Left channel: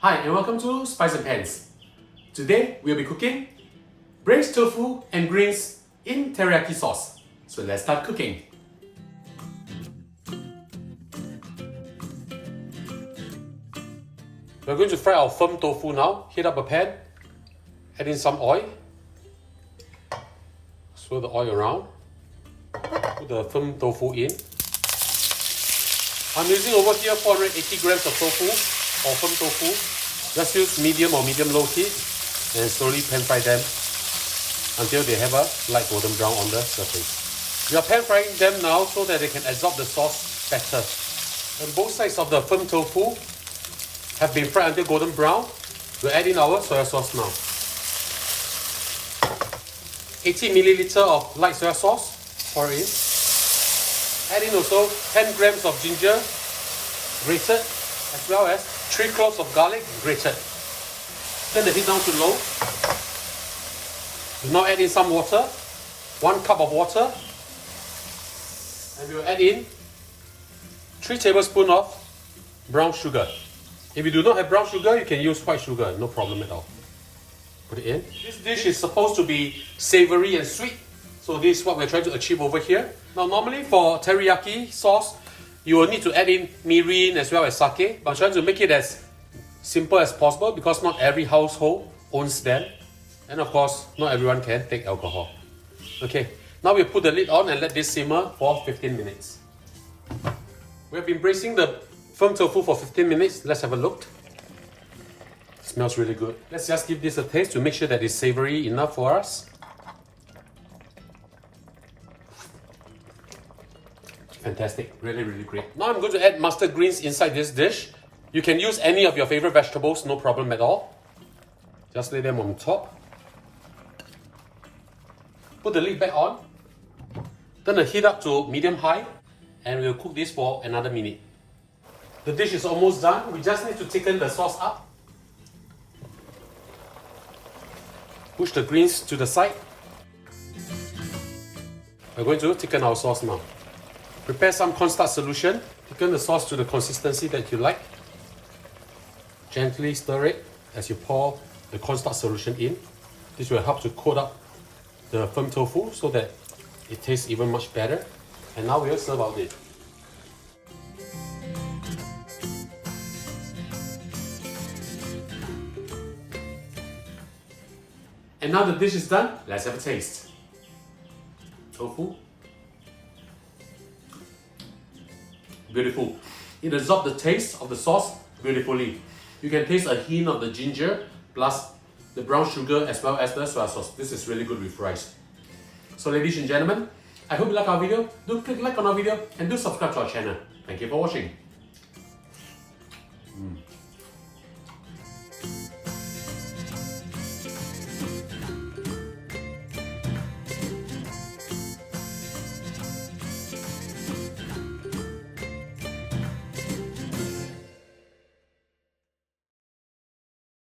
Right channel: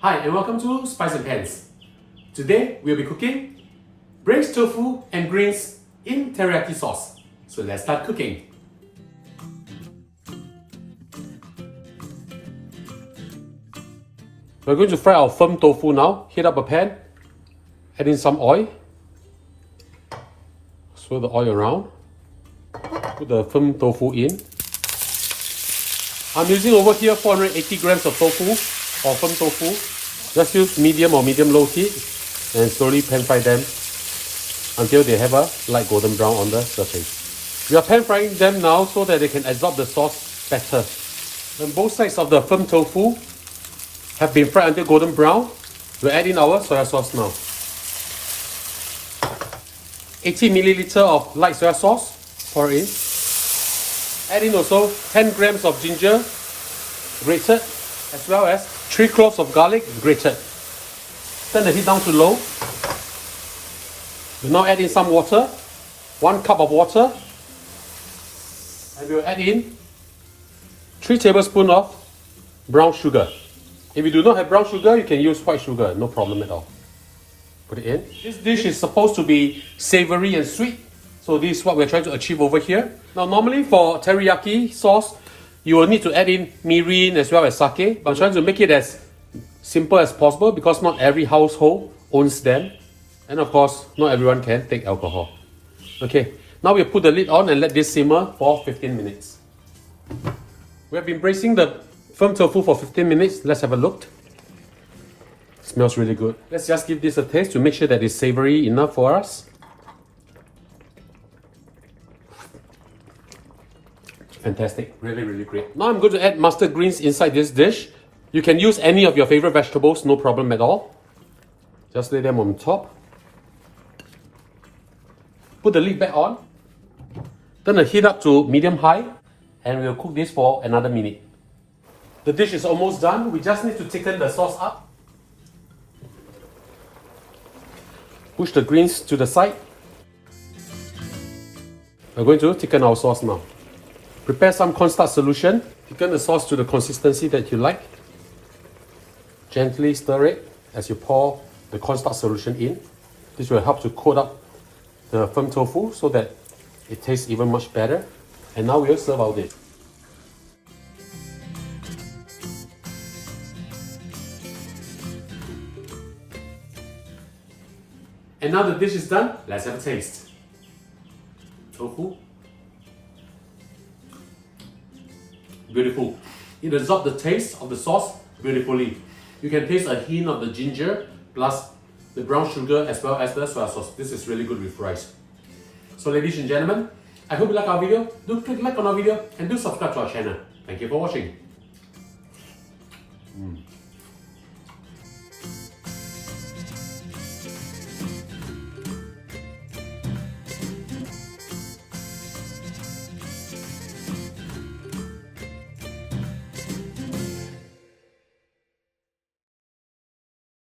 Hi and welcome to Spice and Pans. Today we'll be cooking braised tofu and greens in teriyaki sauce. So let's start cooking. We're going to fry our firm tofu now. Heat up a pan, add in some oil, swirl the oil around, put the firm tofu in. I'm using over here 480 grams of tofu or firm tofu. Just use medium or medium-low heat and slowly pan fry them until they have a light golden brown on the surface. We are pan frying them now so that they can absorb the sauce better. When both sides of the firm tofu have been fried until golden brown, we'll add in our soy sauce now. 80 milliliter of light soy sauce, pour in. Add in also 10 grams of ginger, grated, as well as 3 cloves of garlic, grated. Turn the heat down to low. We'll now add in some water, 1 cup of water. And we'll add in 3 tablespoons of brown sugar. If you do not have brown sugar, you can use white sugar, no problem at all. Put it in. This dish is supposed to be savory and sweet, so this is what we're trying to achieve over here. Now normally for teriyaki sauce, you will need to add in mirin as well as sake. I'm trying to make it as simple as possible because not every household owns them. And of course, not everyone can take alcohol. Okay, now we'll put the lid on and let this simmer for 15 minutes. We've been braising the firm tofu for 15 minutes. Let's have a look. Smells really good. Let's just give this a taste to make sure that it's savory enough for us. Fantastic, really great. Now I'm going to add mustard greens inside this dish. You can use any of your favorite vegetables, no problem at all. Just lay them on top. Put the lid back on. Turn the heat up to medium-high and we'll cook this for another minute. The dish is almost done. We just need to thicken the sauce up. Push the greens to the side. We're going to thicken our sauce now. Prepare some cornstarch solution. Thicken the sauce to the consistency that you like. Gently stir it as you pour the cornstarch solution in. This will help to coat up the firm tofu so that it tastes even much better. And now we'll serve our dish. And now the dish is done. Let's have a taste. Tofu. Beautiful. It absorbs the taste of the sauce beautifully. You can taste a hint of the ginger plus the brown sugar as well as the soy sauce. This is really good with rice. So ladies and gentlemen, I hope you like our video. Do click like on our video and do subscribe to our channel. Thank you for watching.